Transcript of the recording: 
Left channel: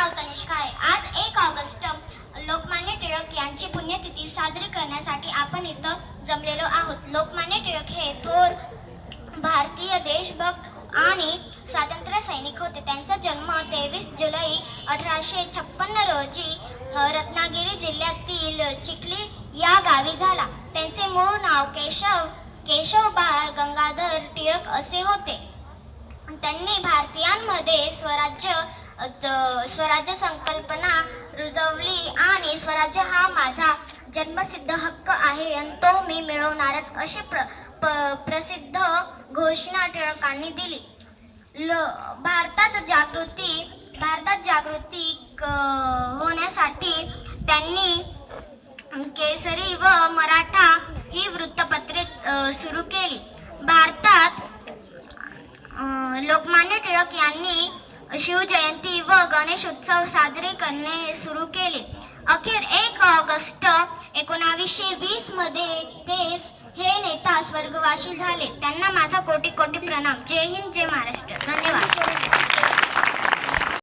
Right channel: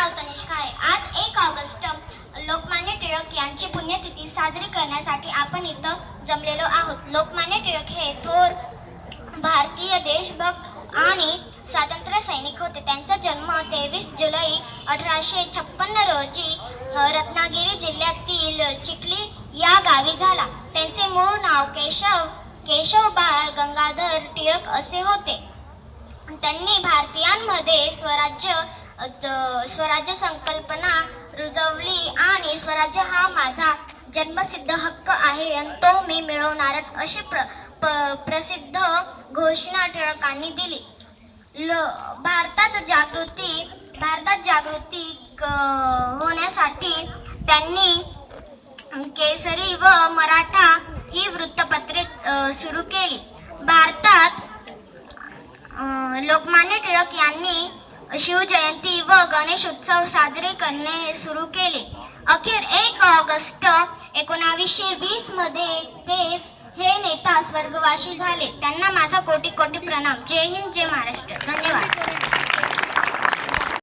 नाव तनिष काळे आज एक ऑगस्ट लोकमान्य टिळक यांची पुण्यतिथी साजरी करण्यासाठी आपण इथं जमलेलो आहोत. लोकमान्य टिळक हे थोर भारतीय देशभक्त आणि स्वातंत्र्य सैनिक होते. त्यांचा जन्म तेवीस जुलै अठराशे छप्पन्न रोजी रत्नागिरी जिल्ह्यातील चिखली या गावी झाला. त्यांचे मूळ नाव केशव केशव बाळ गंगाधर टिळक असे होते. त्यांनी भारतीयांमध्ये स्वराज्य स्वराज्य संकल्पना रुजवली आणि स्वराज्य हा माझा जन्मसिद्ध हक्क आहे आणि तो मी मिळवणारच अशी प्र प- प्रसिद्ध घोषणा टिळकांनी दिली. ल भारतात जागृती भारतात जागृती क- होण्यासाठी त्यांनी केसरी व मराठा ही वृत्तपत्रे सुरू केली. भारतात लोकमान्य टिळक यांनी शिवजयंती व गणेश उत्सव साजरे करणे सुरू केले. अखेर एक ऑगस्ट एकोणावीसशे वीसमध्ये ते हे नेता स्वर्गवासी झाले. त्यांना माझा कोटी कोटी प्रणाम. जय हिंद जय महाराष्ट्र. धन्यवाद.